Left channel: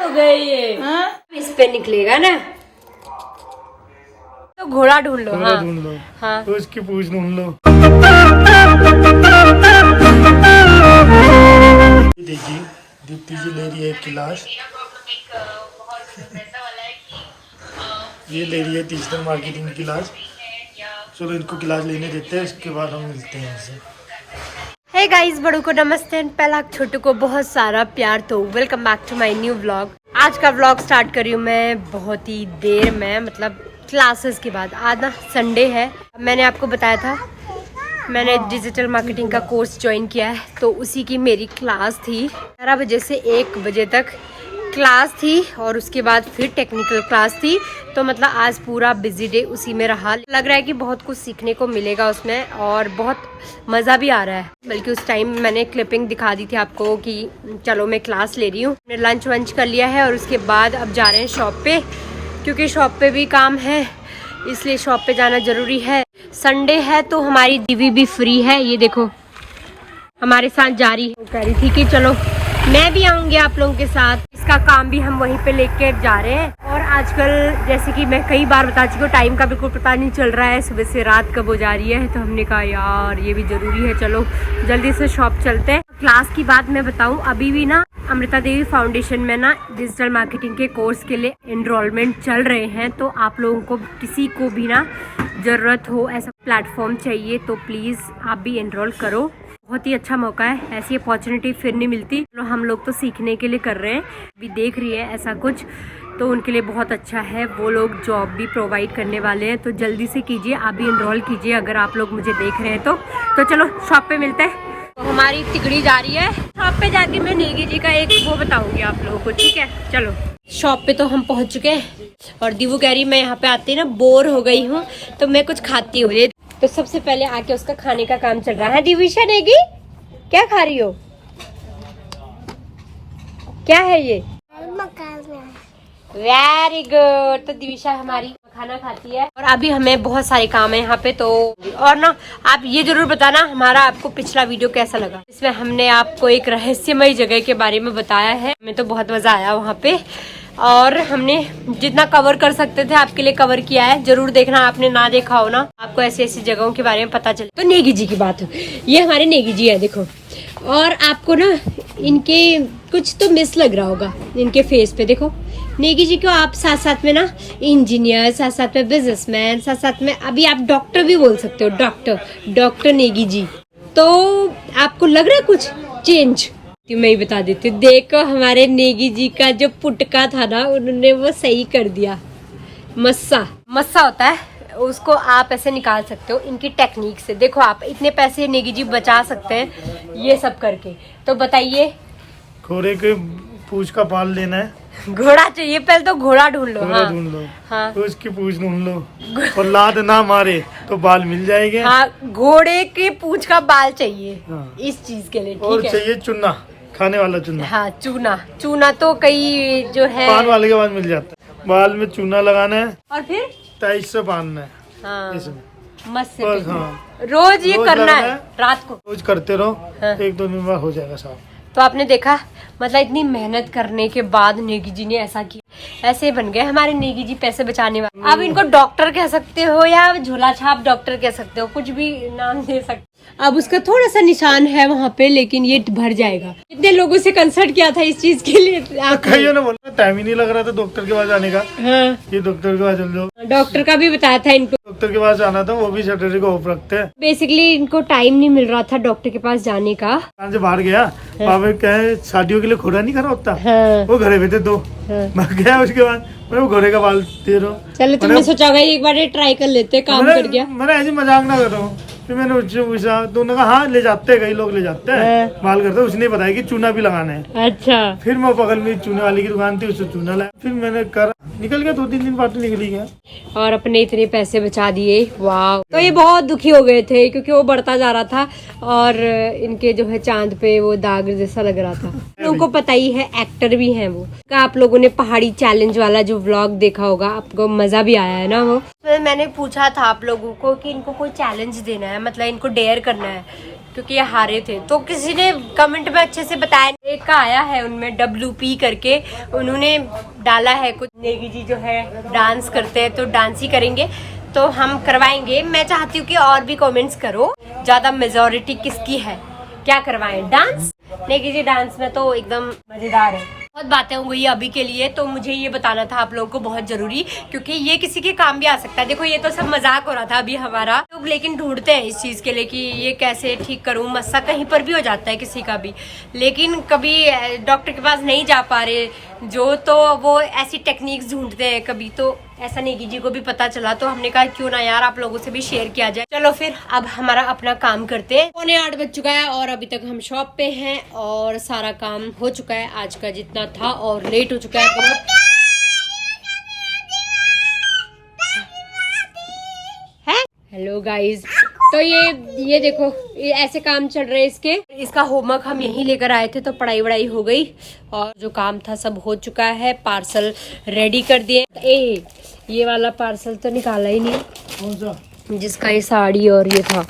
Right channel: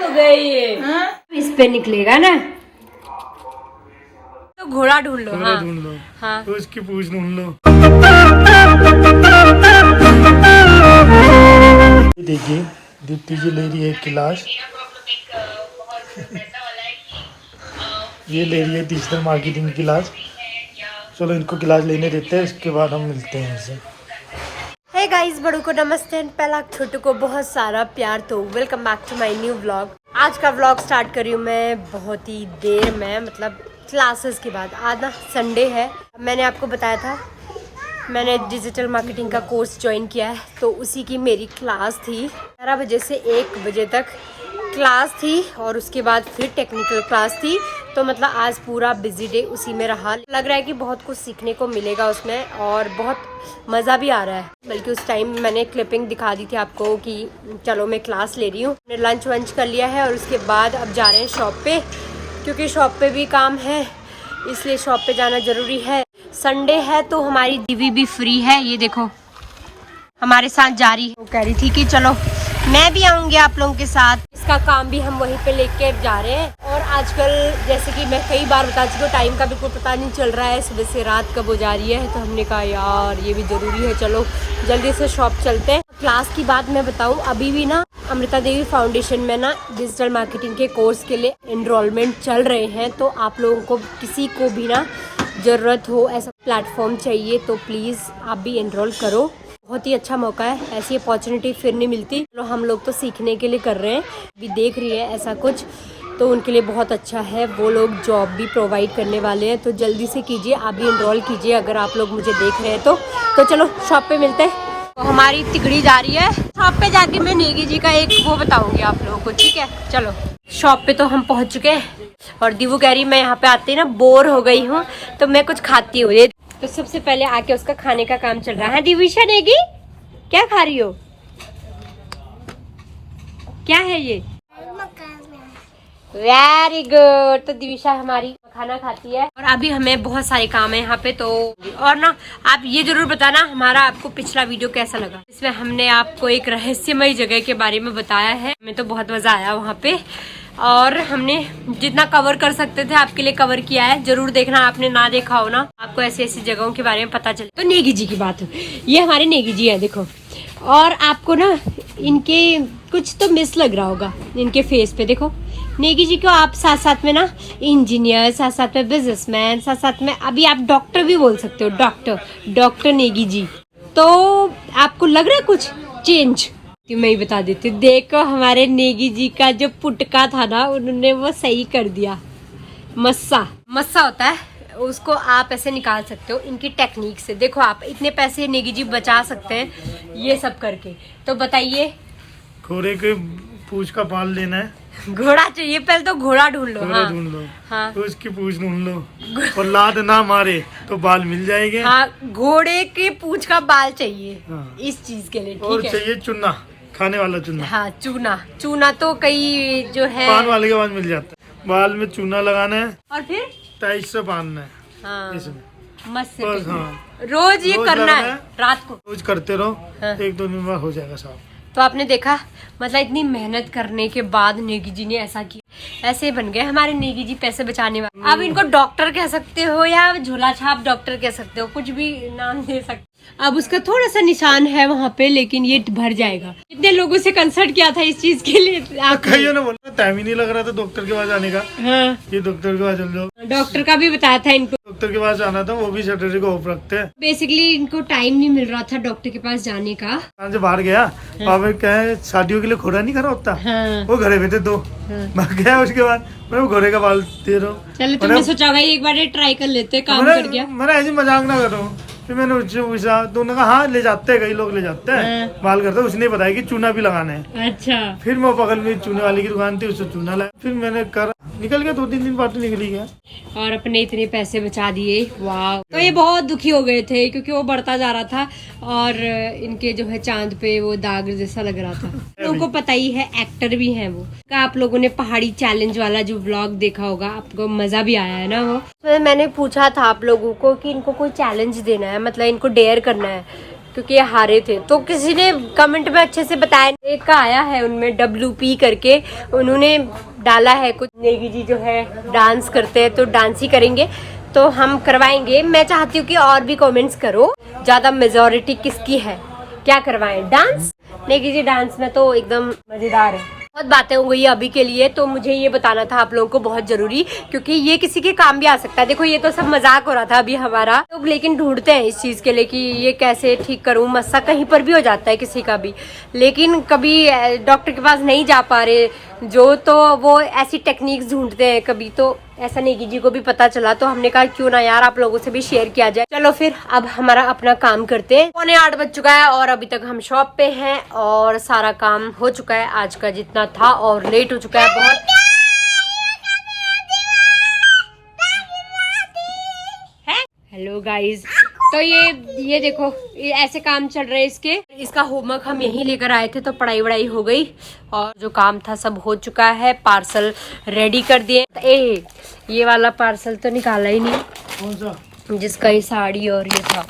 हो गए ये। इस पे निकलेगा ना तो घोड़ा ढूंढ लो। हाँ ढूंढ लो। हाँ तो इसकी पूछ ढूंढ लो। देखिए दीप्ति जी ले रही है एक गिलास। ये ले रही है डिजिटल मार्केटिंग गिलास। चलो इनको गिलास लेने देते हैं, इसके बाद हम मिलते हैं इनसे। हे गाइस, बड़ों को नमस्ते, पहला छोटू को बहुत सारा प्यार। तो welcome back to my new vlog. आज का व्लॉग स्टार्ट करी हूँ मैं बहुत ही देर में, मतलब क्लासेस के बाद। आज ना संडे है। मैंने आपको बताया था मैंने डिजिटल मार्केटिंग का कोर्स ज्वाइन किया है, तो उसी की मेरी क्लास थी। 11 बजे से 1 बजे तक क्लास थी और उसके बाद फिर टेक्निकल क्लास थी। तो मतलब आज पूरा बिजी डे उसी में रहा। लग रहा है कि बहुत कुछ सीखने को मिलेगा उसमें और बहुत मज़ा भी आ रहा है। बल्कि उस टाइम मैंने क्लिपिंग दिखा दी थी आपको कि चलो मैं क्लास ले रही हूँ। मैंने लंच वंच कर लिया है और उसके बाद अब जा रहे हैं शॉप पे, क्योंकि शॉप पे भी काम है, इसलिए शॉप पे जाना ज़रूरी है। संडे है तो हमारी दीदी भी फ्री है। ये देखो हमारे साथ जा रही है। वो कह रही थी कि चलो मैं भी आऊँगी आप लोगों के साथ। इसका काम भी हम वहीं पे लेके जा रहे हैं। और आजकल जैसे कि मैं कई बार बता चुकी हूँ, टाइम का बिल्कुल पता नहीं चल रहा है, सुबह से रात कब हो जा रही है। तो हमने कहा यार ये भी ज़रूरी है, चलो जल्दी से शॉप चलते हैं। क्लास की बात मैं बताऊँ, अभी भी ना अमृता देवी फाउंडेशन में ना डिजिटल मार्केटिंग के कोर्स के लिए एनरोलमेंट चल रहे हैं। तो आप लोगों को किसी को भी ना ज़रूरत हो, ऐसा प्लेटफॉर्म चाहिए तो प्लीज़ आप भी एनरोल करो। बहुत ही अच्छा मौका है, ऐसी अपॉर्चुनिटी फिर नहीं मिलती। तो हम लोग तो सीखने के लिए कर रहे हैं, अभी देख रही है ऐसा कुछ, तो उनके लिए बहुत अच्छा है। वो लोग जॉब भी प्रोवाइड करने वाले हैं। तो जल्दी से कीजिए, आप भी एनरोल कीजिए अगर आप लोग मुझे देख रहे हैं तो चलो शॉप पे मिलते हैं। तो हमारी तिगड़ी जा रही है शॉप पे। जाके मैं नेगी जी का एक वो बताऊंगी आप लोगों को, ठीक है। चलो शॉप पे तो हम पहुंच चुके हैं और दीवू कह रही मैं यहाँ पे आती ना बोर हो गई हूँ, तो मैं कुछ खाती हूँ। तो सबसे पहले आके उसका खाने का काम चल रहा है। दिविशा नेगी क्या खा रही हो? क्या है ये? Very good. तो दिविशा हमारी खाना खाती है और अभी हमें बहुत सारे काम है यहाँ पे। तो और ना आप ये जरूर बताना हमारा आपको पिछला वीडियो कैसा लगा। इसमें हमने आपको एक रहस्यमय जगह के बारे में बताया है। हमें तो बहुत मजा आया वहाँ पे और हमने जितना कवर कर सकते थे आपके लिए कवर किया है। जरूर देखना, आपने ना देखा हो ना, आपको ऐसी ऐसी जगहों के बारे में पता चले। तो नेगी जी की बात हो, ये हमारे नेगी जी है देखो। और आपको ना इनके कुछ तो मिस लग रहा होगा इनके फेस पे। देखो नेगी जी को आप साथ साथ में ना इंजीनियर, साथ साथ में बिजनेसमैन, साथ साथ में अभी आप डॉक्टर भी बोल सकते हो। डॉक्टर नेगी जी। तो आपको लग रहा है कुछ चेंज? मैं ही बता देती हूँ। देखो हमारे नेगी जी का जो पुटका था ना, उन्होंने वो सही कर दिया। मस्सा होता है उसको आप ऐसे निकाल सकते हो इनकी टेक्निक से। देखो आप इतने पैसे नेगी जी बचा सकते हैं ये सब करके। तो बताइए, घोड़े के पूंछ का बाल लेना है। घोड़ा चाहिए, पहले तो घोड़ा ढूंढ लो। घोड़ा ढूंढ लो। हाँ तो इसकी पूंछ ढूंढ लो और लात ना मारे तो बाल मिल जाएंगे। हाँ, घोड़े के पूंछ का बाल चाहिए। हाँ। इस चीज के लिए और ठीक है। चाहिए चुन्ना, खाने वाला चुन्ना। हाँ चूना तो कई जो है पान वाले के बाद मिल जाता है। बाल में चूना लगाना है और फिर टाइट से बांधना है। हाँ इसमें मस्त से बस। हाँ रोज ये रोज करना लगाना है है। रात को। रोज करते रहो। हाँ। 1-2 दिन बाद हो जाएगा साफ। तो आपने देखा, मतलब इतनी मेहनत करने के बाद नेगी जी ने ऐसा किया। ऐसे बन गए हमारे नेगी जी पैसे बचाने वाले। अब इनको डॉक्टर कह सकते हो या झोला छाप डॉक्टर कह सकते हो, कुछ भी नाम दे सकते हो। अब उसका थोड़ा सा निशान है वहाँ पे, लेकिन ये भर जाएगा। कितने लोगों से कंसल्ट किया था इस चीज के लिए कईयों ने बोला टाइम ही नहीं लग रहा था डॉक्टर के पास जाने का। हाँ ये डॉक्टर के पास चल जाओ। डॉक्टर का भी बताया था इनको। डॉक्टर के पास जाना था, वो भी सैटरडे को ऑफ रखते हैं। बेसिकली इनको टाइम नहीं मिल रहा था डॉक्टर के पास जाने का। से बाहर गया, वहाँ क्या है शादियों के लिए घोड़ा नहीं खड़ा होता। हाँ। वो घरे बैठे 2 मैं गया। उसके बाद मैं घोड़े का बाल दे रहा हूँ। चलो तुमने सोचा होगा एक बार ट्राई कर लेते, काम कर गया। मैंने ऐसे मजाक ना कर रहा हूँ। फिर मैंने उससे पूछा तो उन्होंने कहा हाँ ले जाते हैं, कई लोग ले जाते हैं बाल करते हैं। उसने बताया कि चूना भी लगाना है। अच्छा। फिर मैं बगल में चूने वाली की दुकान थी, उससे चूना लाया। फिर मैंने कर निकल गया, 2-3 दिन बाद तो निकल ही गया। और अपने इतने पैसे बचा दिए, वाह। तो ये बहुत दुखी हो गए थे क्योंकि वो बढ़ता जा रहा था और इनके जो है चांद पे वो दाग जैसा लग रहा था। उनको पता ही है, एक्टर भी हैं वो। आप लोगों ने पहाड़ी चैलेंज वाला जो व्लॉग देखा होगा, आपको मजा भी आया है ना वो। तो मैंने पूछा था आप लोगों को कि इनको कोई चैलेंज देना है, मतलब इनको डेयर करना है, क्योंकि ये हारे थे। तो किसी ने कमेंट में अच्छे से बताया, एक का आया है उनमें WP करके, उन्होंने डाला है कुछ नेगी जी जो है डांस करते हैं तो डांस ही करेंगे, तो हम करवाएंगे। मैं चाहती हूँ कि और भी कमेंट्स करो, ज्यादा मेजोरिटी किसकी है, क्या करवाएं, डांस। नेगी जी डांस में तो एकदम मजेदार है। बहुत बातें हो गई अभी के लिए, तो मुझे ये बताना था आप लोगों को बहुत जरूरी, क्योंकि ये किसी के काम भी आ सकता है। देखो ये तो सब मजाक हो रहा था अभी हमारा लोग, लेकिन ढूंढते हैं इस चीज के लिए कि ये कैसे ठीक करूं। मस्सा कहीं पर भी हो जाता है किसी का भी, लेकिन कभी डॉक्टर के पास नहीं जा पा रहे जो, तो वो ऐसी टेक्निक्स ढूंढते हैं कभी। तो ऐसा नेगी जी को भी पता चला, तो हमने कहा क्यों ना यार आप लोगों से भी शेयर किया जाए। चलो फिर अब हमारा अपना काम करते हैं। 7:45 बज चुका है और अभी तक हम शॉप पे हैं और सारा काम हो चुका है आज का जितना था, और लेट हो चुका है बहुत। हेलो गाइज, तो ये देखो ये ऐसे काम चल रहे हैं इसके। इसका होमवर्क हम यहीं लेकर आए थे, तो पढ़ाई वढ़ाई हो गई और जो काम था सब हो चुका है। पार्सल रेडी कर दिए। ये वाला पार्सल तो निकाला ही नहीं, कौन सा? जिसका ये साड़ी और ये था।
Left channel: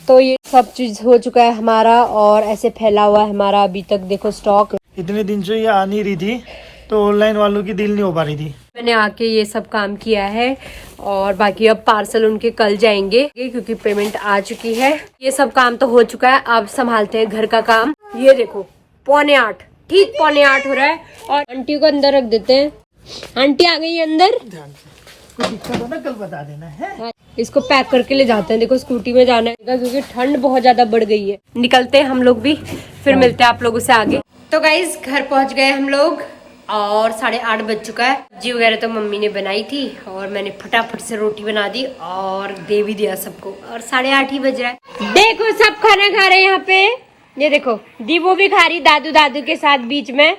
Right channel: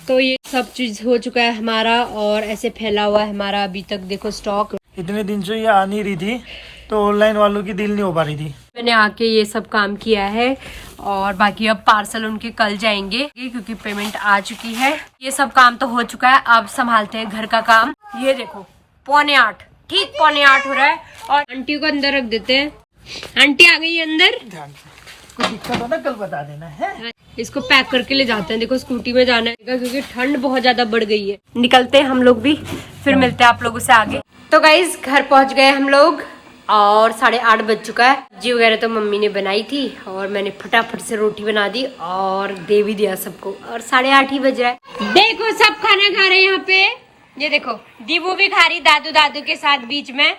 तो ये सब चीज हो चुका है हमारा, और ऐसे फैला हुआ है हमारा अभी तक देखो स्टॉक। इतने दिन से ये आ नहीं रही थी, तो ऑनलाइन वालों की डील नहीं हो पा रही थी। मैंने आके ये सब काम किया है, और बाकी अब पार्सल उनके कल जाएंगे क्योंकि पेमेंट आ चुकी है। ये सब काम तो हो चुका है, अब संभालते हैं घर का काम। ये देखो 7:45, ठीक 7:45 हो रहा है, और आंटी को अंदर रख देते हैं। आंटी आ गई अंदर, ध्यान से, कोई दिक्कत हो ना कल बता देना है। इसको पैक करके ले जाते हैं। देखो स्कूटी में जाना है क्योंकि ठंड बहुत ज्यादा बढ़ गई है। निकलते हैं हम लोग भी, फिर मिलते हैं आप लोगों से आगे। तो गाइज घर पहुंच गए हम लोग और 8:30 बज चुका है। सब्जी वगैरह तो मम्मी ने बनाई थी और मैंने फटाफट से रोटी बना दी और दे भी दिया सबको, और 8:30 ही बज रहा है। देखो सब खाना खा रहे हैं यहाँ पे। ये देखो दीवू भी खा रही दादू के साथ बीच में,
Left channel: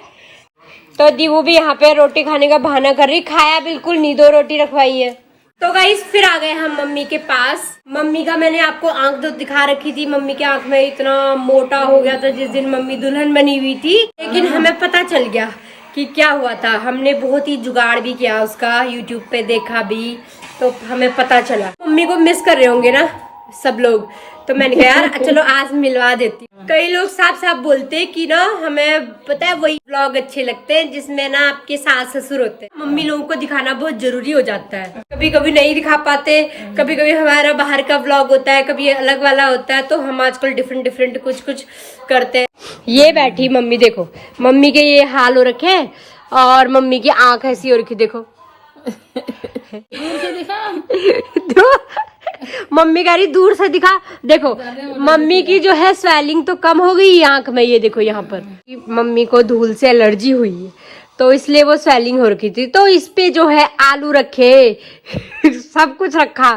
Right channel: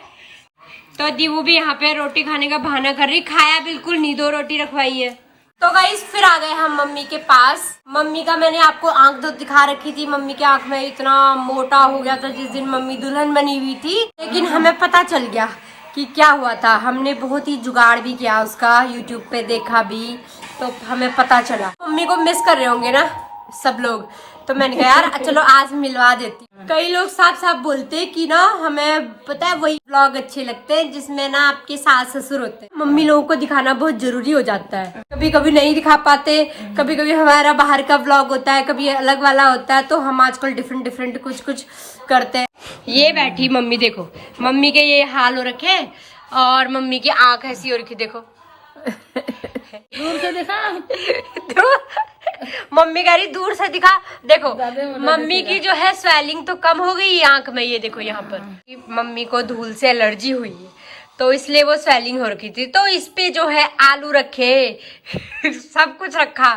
तो दीवू भी यहाँ पे रोटी खाने का बहाना कर रही। खाया बिल्कुल नहीं, 2 रोटी रखवाई है। तो गाइस फिर आ गए हम मम्मी के पास। मम्मी का मैंने आपको आंख तो दिखा रखी थी, मम्मी के आंख में इतना मोटा हो गया था जिस दिन मम्मी दुल्हन बनी हुई थी, लेकिन हमें पता चल गया कि क्या हुआ था। हमने बहुत ही जुगाड़ भी किया उसका, यूट्यूब पे देखा भी, तो हमें पता चला। मम्मी को मिस कर रहे होंगे ना सब लोग, तो मैंने कहा यार चलो आज मिलवा देती। कई लोग साफ साफ बोलते हैं कि ना हमें पता है वही व्लॉग अच्छे लगते हैं जिसमें ना आपके सास ससुर होते हैं। मम्मी लोगों को दिखाना बहुत जरूरी हो जाता है, कभी कभी नहीं दिखा पाते, कभी कभी हमारा बाहर का व्लॉग होता है, कभी अलग वाला होता है, तो हम आजकल डिफरेंट कुछ करते हैं। ये बैठी मम्मी, देखो मम्मी के ये हाल हो रखे हैं, और मम्मी की आंख ऐसी हो रखी देखो। दूर से दिखा मम्मी कह रही दूर से दिखा। देखो मम्मी की जो है स्वेलिंग तो कम हो गई आंख में, ये देखो यहाँ पर। मम्मी को धूल से एलर्जी हुई तो इसलिए वो स्वेलिंग हो रखी थी, तो इस पे जो है आलू रखे सब कुछ रखा,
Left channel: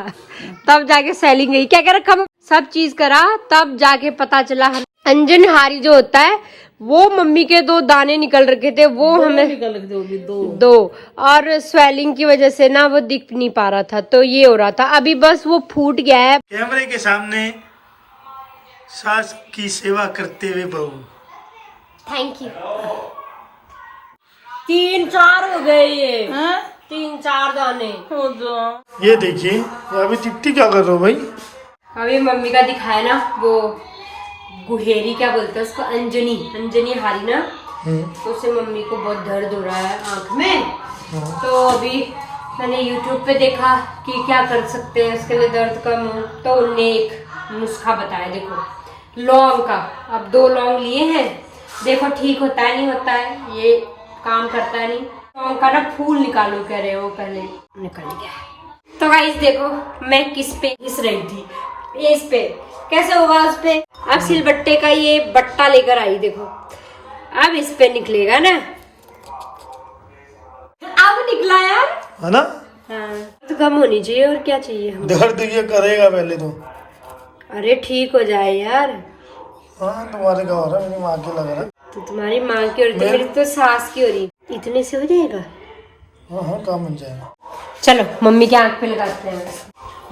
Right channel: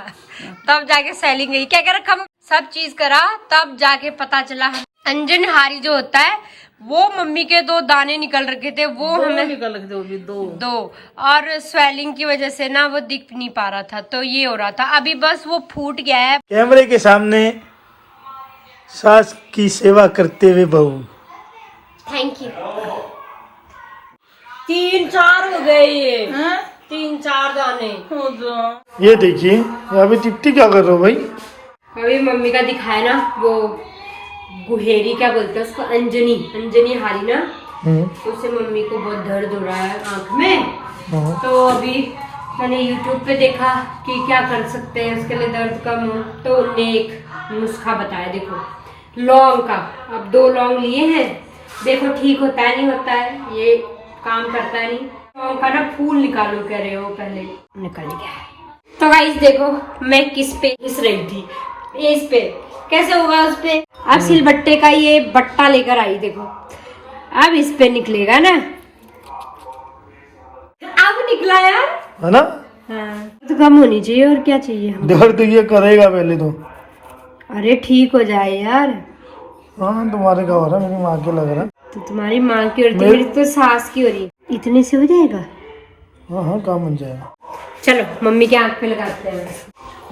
तब जाके स्वेलिंग गई। क्या क्या रखा, सब चीज करा, तब जाके पता चला। अंजन हारी जो होता है वो मम्मी के 2 दाने निकल रखे थे, वो हमें निकल रखे थे, दो, और स्वेलिंग की वजह से ना वो दिख नहीं पा रहा था, तो ये हो रहा था। अभी बस वो फूट गया है। कैमरे के सामने सास की सेवा करते हुए बहू। Thank you. 3-4 हो गए ये, 3-4 दाने। ये देखिए अभी तिप्ती क्या कर रहे हो भाई? अभी मम्मी का दिखाया ना वो गुहेरी, क्या बोलते हैं उसको, अंजनी हारी ना, तो उससे मम्मी को बहुत दर्द हो रहा है आंख में। तो अभी मैंने YouTube पे देखा कि क्या कर सकते हैं उसके लिए दर्द कम हो, तो उन्होंने एक नुस्खा बताया। देखो लौंग का, अब 2 लौंग लिए हैं, देखो ठीक होता है नहीं होता है, ये काम करता है नहीं। लौंग का ना फूल निकालो कह रहे हो, पहले निकल गया। तो गाइस देखो मैं किस पे घिस रही थी, इस पे कैसे होगा उस पे। अब सिलबट्टे का ये बट्टा लेकर आई, देखो अब इस पे निकलेगा ना, अब निकला यार, है ना? हाँ तो कम होनी चाहिए, और क्या चाहिए हमें। दर्द ये करेगा पहले तो। अरे ठीक हो जाए यार। हाँ तुम्हारे का हो रहा है, मेरी माँ के लग रहा है। तो तुम्हारी माँ की हो रही, मेरी तो सास की हो रही। इतने से हो जाएगा? हाँ काम बन जाएगा। चलो मम्मी के आँख पे लगाते हैं,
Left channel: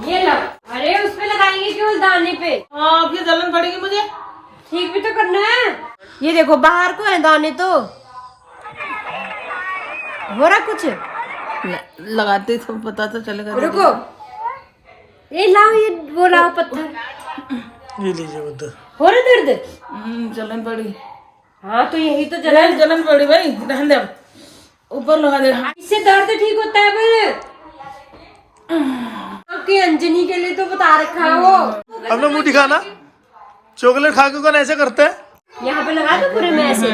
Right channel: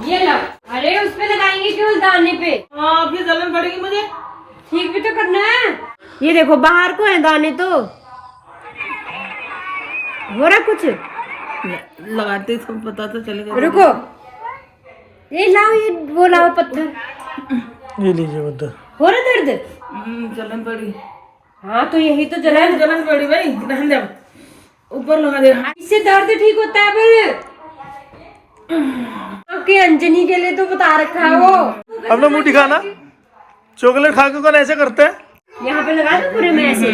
ये लो। अरे उस पे लगाएंगे क्यों, दाने पे? आपकी जलन पड़ेगी मुझे, ठीक भी तो करना है। ये देखो बाहर को है दाने, तो हो रहा कुछ। लगाते तो पता तो चलेगा। रुको, ये लाओ, ये वो लाओ पत्थर। ये लीजिए पत्थर। हो रहा दर्द? जलन पड़ी। हाँ तो यही तो जलन। जलन पड़ी भाई, ध्यान दे, ऊपर लगा दे। इससे दर्द ठीक होता है पर आपकी अंजनी के लिए तो बता रखा है वो। अपना मुंह दिखाना, चॉकलेट खा के कौन ऐसे करता है? यहाँ पे लगा दो पूरे में ऐसे।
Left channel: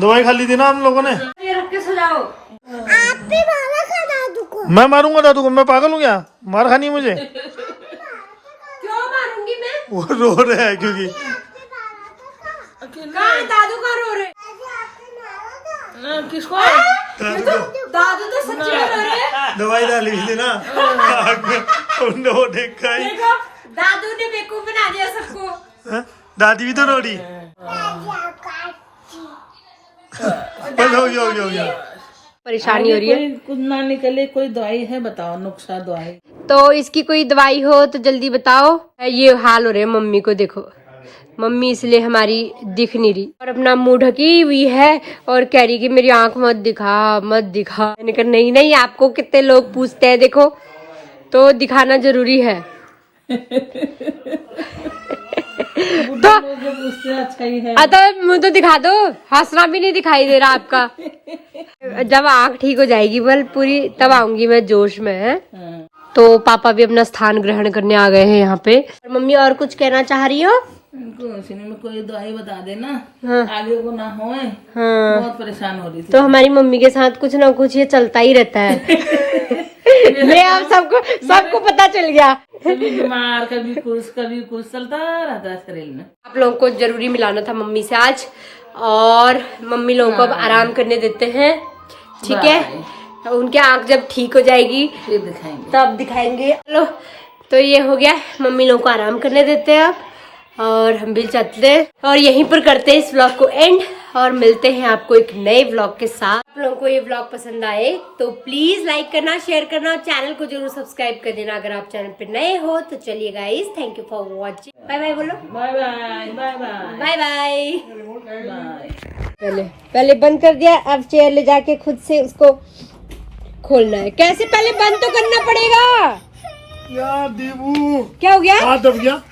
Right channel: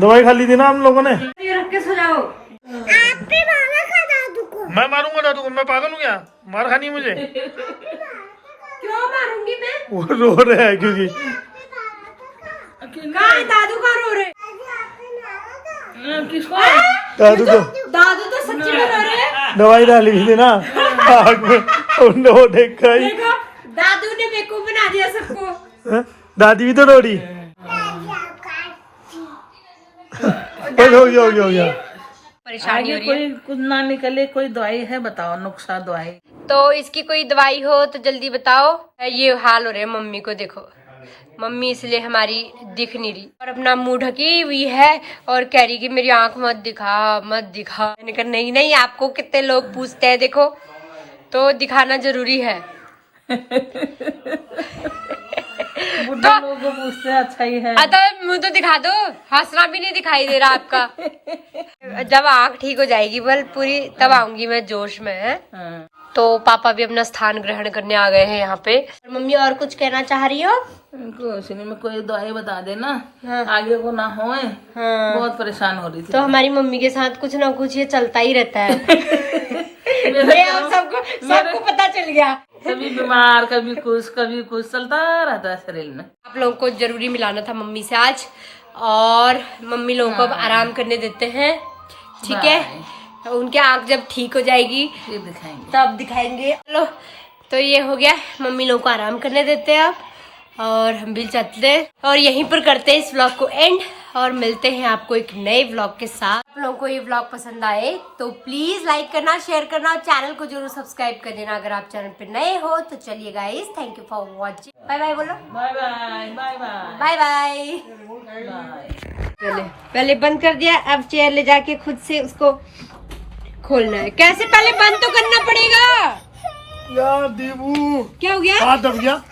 दवाई खा ली थी ना हम लोगों ने। ये रख के सुनाओ। मैं मारूंगा दादू को, मैं पागल हूँ क्या? मार खानी है मुझे। क्यों मारूंगी मैं? वो रो रहे हैं क्योंकि दादू कहाँ रो रहे? किसको? दादू को दादू तो सच्ची में रो रहे। दवाई डाली हुई थी ना आग में, उन्होंने वो देखा ही। दादू ने बेवकूफ बना दिया सबको। हाँ? दादी भी तो रो रही। बस हो गया। परेशानी हो रही है। कोई कुछ ना निकले, कोई दवाई है बताओ, नुस्खा दवाई। तो इसकी कोई दवाई हो तो जल्दी बताओ। ये हाल हो रहे मम्मी को, देखो मम्मी इसलिए हमारी दिख नहीं रही और अपना मुंह ढकी हुई है और कह रही कि मेरी आंख मत दिखा। मैंने कहा नहीं, आपको कितने लोग पूछते हैं, देखो तो दिखाना जरूरी है। बुढ़े लोगों को पूछते अच्छा ही है। अतः मुंह तो दिखा दो, हंसना भी नहीं दिखाई दे रहा आपका। जब आंख ठीक हो जाएगी बल पूरी, तब आऊंगी मैं जोश में है। तो पापा भी अपना स्थान ग्रहण करने आ गए हैं यहाँ पे। मम्मी और कुछ कहना चाह रही हो? में कोई दवाई बता देना, आगे को ना होए। बहुत परेशान हो रही थी। तो हमारी मम्मी के साथ कुछ ना कुछ ये चलता ही रहता है। मैं और सबको पता चल गया। कभी बीमार, कभी कुछ चलता रहता है शरीर में। आप लोगों को जरूरी मिलाना था मम्मी से आज, और मम्मी लोगों को अब आराम करने देते हैं, ठीक है? उनकी आंख जब ठीक हो जाएगी फिर दिखाएंगे, तब दिखाएंगे। चलो तो ये हो गया, मम्मी लोगों को आराम करने देते हैं अब, और हम भी चलते हैं और यहीं पर करते हैं इस व्लॉग को एंड, और मिलते हैं आपको एक नए व्लॉग के साथ। आप लोगों को ये व्लॉग पसंद आए तो प्लीज लाइक करना, शेयर करना और चैनल को जरूर सब्सक्राइब कर देना अगर आप चैनल पे नए हो तो। चलिए guys, thank you for watching. Bye bye बोलो। Bye bye bye bye bye bye. Bye. पहले बंद कर दिया, अब चेयर ले जाके खुद से उसको खोलना है। कैसे? पहले बंद तो करना पड़ेगा। यार देवू, क्या हो गया? हाथ दब गया।